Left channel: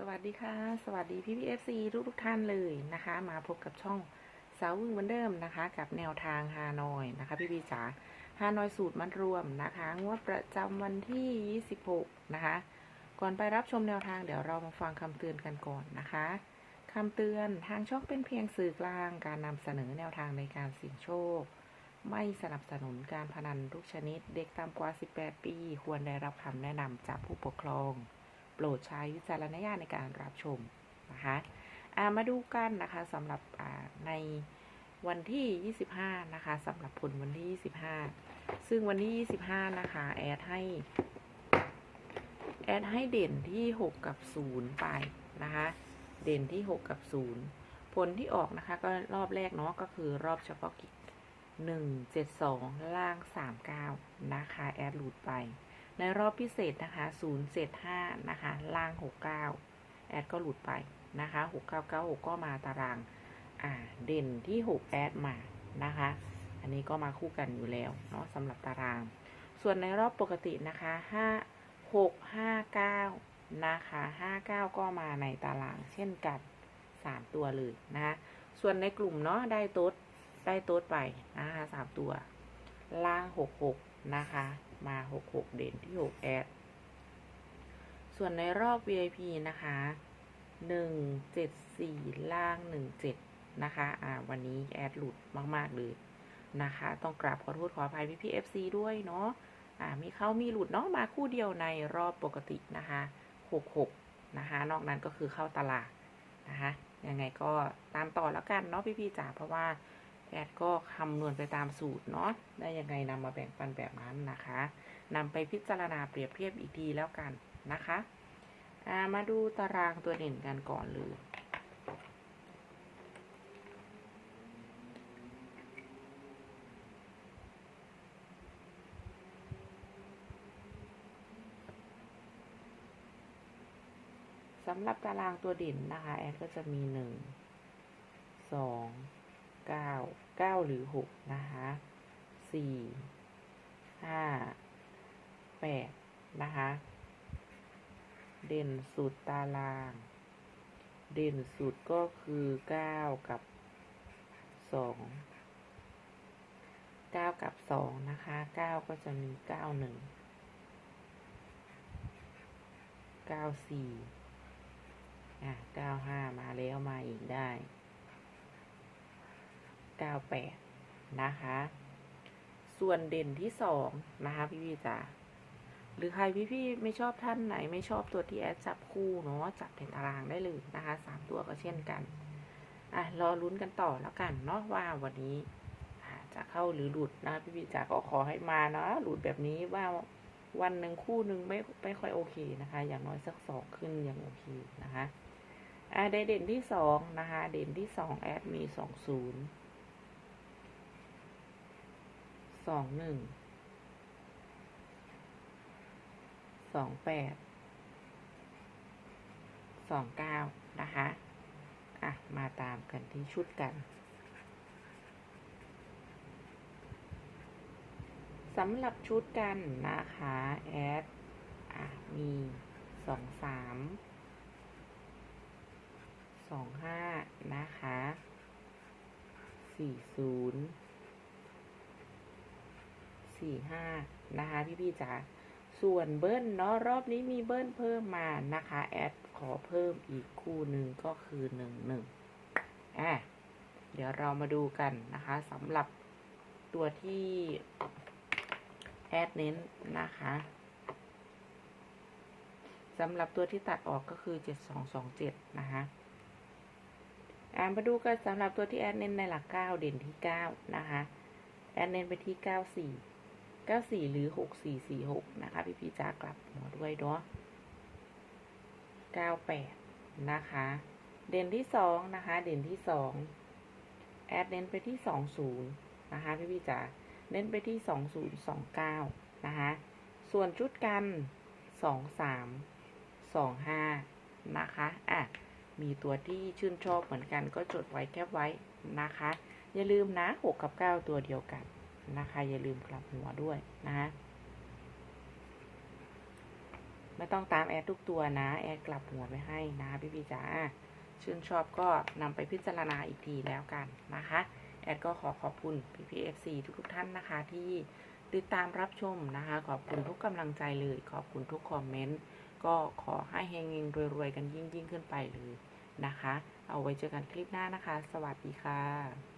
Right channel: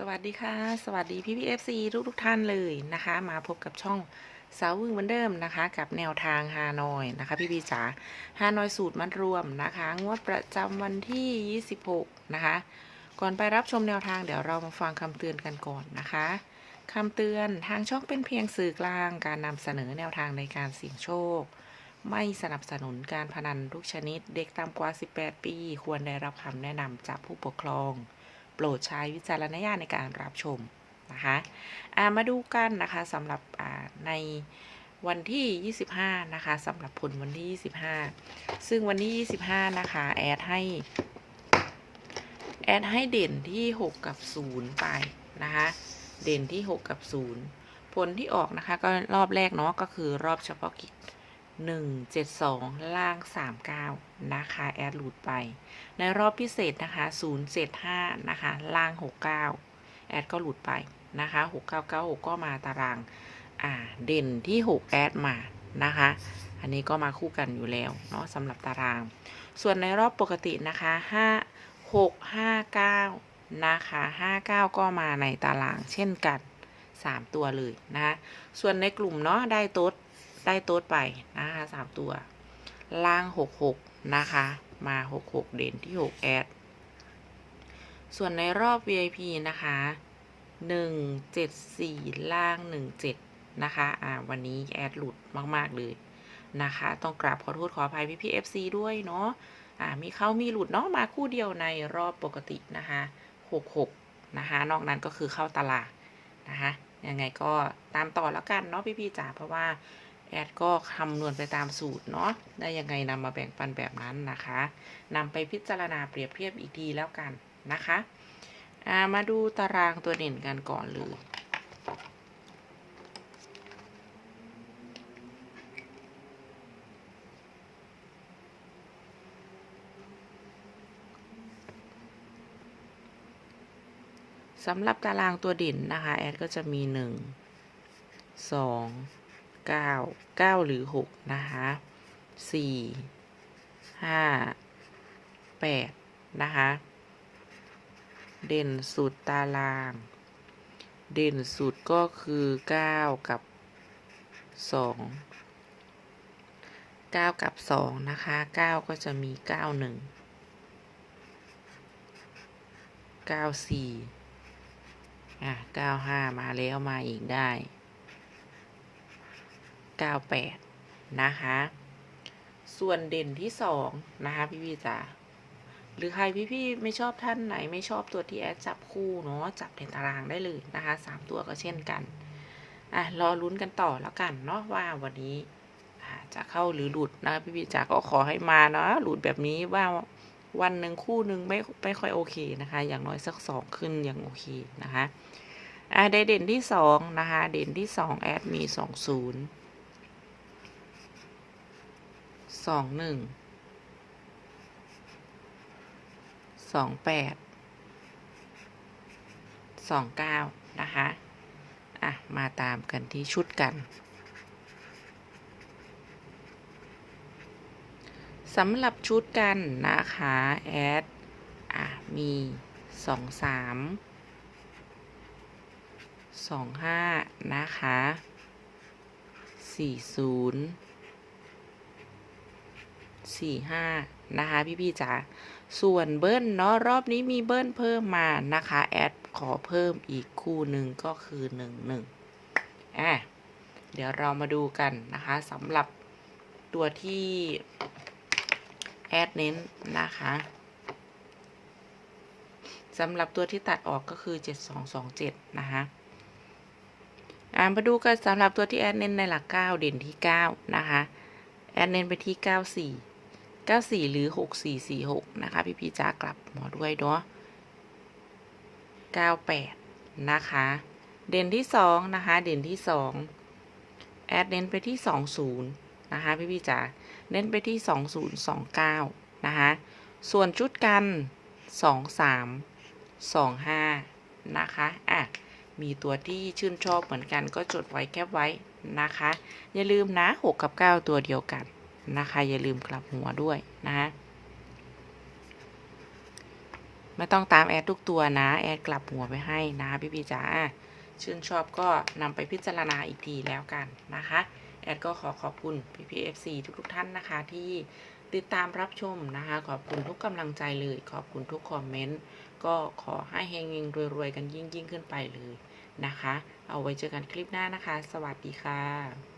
สวัสดีค่ะ สวัสดีพี่พีเอฟซีทุกทุกท่านเลยนะคะ มาพบกับช่องสาวึงเหมือนเดิมนะคะ กับแนวทางฮานอยนะคะ พี่พีจ๋าฮานอยสูตรมัดรวมนะคะ งวดประจำวันที่ 26 นะคะ ก่อนไปรับชมแนวทางเดี๋ยวเรามาฟังคำเตือนกันก่อนนะคะคำเตือนทางช่องเป็นเพียงสื่อกลางการนำเสนอแนวทางในการเสี่ยงโชค ไม่สนับสนุนการพนันทุกชนิด เด็กต่ำกว่า 18 ปี ควรได้รับคำแนะนำจากผู้ปกครอง โปรดใช้วิจารณญาณในการรับชมนะคะามาดูกันนะคะสำหรับในวันที่ 25 นะคะสำหรับผลวันที่ 25 ซึ่งวันที่ 25 นะคะ แอดให้ แอดให้เด่นที่ 6 กับ 0 ไปนะคะ เด่นที่ 6 กับ 0 ผลที่ออกนะคะ ก็รอบแรกเนาะก็คือรอบเฉพาะกิจ 172 ล่าง 39 นะคะ แอดหลุดไป ในรอบพิเศษนะคะ 075 นะคะ ล่าง 69 แอดก็หลุดไปนะคะ 6996 ก็มาตาราง อ่า เด่นที่ 6 แอดมา นะคะ อันนี้ก็มาคู่กันอยู่แล้ว เนาะสำหรับตาราง ส่วนในรอบปกตินะคะ 5 6 5 9 นะคะ 59 ก็มาในตารางเช่นกัน 3 ตัวเลยนะคะ ส่วนในกลุ่มเนาะได้โต๊ด ได้โต๊ดไปนะคะ3ตัว ล่าง66นะคะ มา66เด่นที่6แอด ส่วนในรอบ VIP นะคะ174ล่าง17นะคะ อ่า วันนี้แอดหลุดมากๆเลยนะคะ ต้องกราบขอโทษขออภัยพี่พี่ FC ด้วยเนาะ อ่า มีเข้ามีหลุดเนาะ มาคู่เดียวในรอบปกตินะคะ66นะคะ นอกนั้นก็คือเข้าตลาดนะคะ ยังไงก็ตามต่อแล้วกันเนาะพี่พี่จ๋า เพราะว่า แอดก็คำนวณไปตามสูตรเนาะได้ยังไงนำมาแบ่งปันแบบนั้นนะคะนำไปพิจารณาเปรียบเทียบอีกทีแล้วกันนะคะามาดูตารางตัวเด่นกันก่อนเลยสำหรับตารางตัวเด่นนะคะ แอดก็จะมีหนึ่งสอง เก้าเก้าหรือหกนะคะสี่ห้าแปดนะคะ เด่นสุดตาราง เด่นสุดก็คือเก้ากับสองเก้ากับสองนะคะเก้าก็จะมีเก้าหนึ่งเก้าสี่อะเก้าห้ามาแล้วมาอีกได้ เก้าแปดนะคะ ส่วนเด่นที่สองนะคะ พี่พี่จ๋าหรือใครพี่พี่ไม่ชอบท่านไหนไม่ชอบตัวที่แอดจับคู่เนาะจับในตารางได้เลยนะคะสามตัวก็เช่นกันอะรอลุ้นกันต่อแล้วกันเนาะว่าวันนี้จะเข้าหรือหลุดนะพี่พี่จ๋าก็ขอให้มาเนาะหลุดแบบนี้ว่าวันหนึ่งคู่หนึ่งไม่ไม่ค่อยโอเคนะคะ อย่างน้อยสักสองขึ้นยังโอเคนะคะอ่าได้เด่นที่สองนะคะ เด่นที่สองแอดมีสองศูนย์ สองหนึ่ง สองแปด สองเก้านะคะ อะ มาตามกันที่ชุดกันสำหรับชุดกันนะคะแอดอะ มีสองสามสองห้านะคะสี่ศูนย์ สี่ห้านะคะพี่พี่ๆจ๋าส่วนเบิ้ลเนาะรอบนี้มีเบิ้ลเพิ่มมานะคะแอดขอเพิ่มอีกคู่หนึ่งก็คือหนึ่งหนึ่งอะเดี๋ยวเรามาดูกันนะคะสำหรับตัวที่แอดเน้นนะคะสำหรับตัวที่ตัดออกก็คือ 7227 นะคะอ่ามาดูกันสำหรับตัวที่แอดเน้นในหลัก 9 เด่นที่ 9 นะคะ แอดเน้นไปที่ 94 94 หรือ 6446 นะคะ พี่พีจ้ากลับหมอด้วยเนาะ98 นะคะ เด่นที่ 2 นะคะ เด่นที่ 2 แอดเน้นไปที่ 20 นะคะ พี่พี่จ๋าเน้นไปที่ 2029 นะคะ ส่วนชุดกัน 23 25 นะคะอะมีตัวที่ชื่นชอบเหมือนกันก็จดไว้แคบไว้นะคะ อย่าลืมนะ 6 กับ 9 ตัวเดียวกัน นะคะ อย่าลืมกลับหัวด้วยนะไม่ต้องตามแอดทุกตัวนะ แอดกลับหัวไปให้นะพี่พี่จ๋าชื่นชอบก็นำไปพิจารณาอีกทีแล้วกันนะคะ แอดก็ขอขอบคุณพี่พีเอฟซีทุกๆท่านนะคะ ที่ติดตามรับชมนะคะ ขอบคุณทุกกำลังใจเลย ขอบคุณทุกคอมเมนต์ก็ขอให้เฮงๆรวยๆกันยิ่งๆขึ้นไปเลยนะคะ เอาไว้เจอกันคลิปหน้านะคะ สวัสดีค่ะ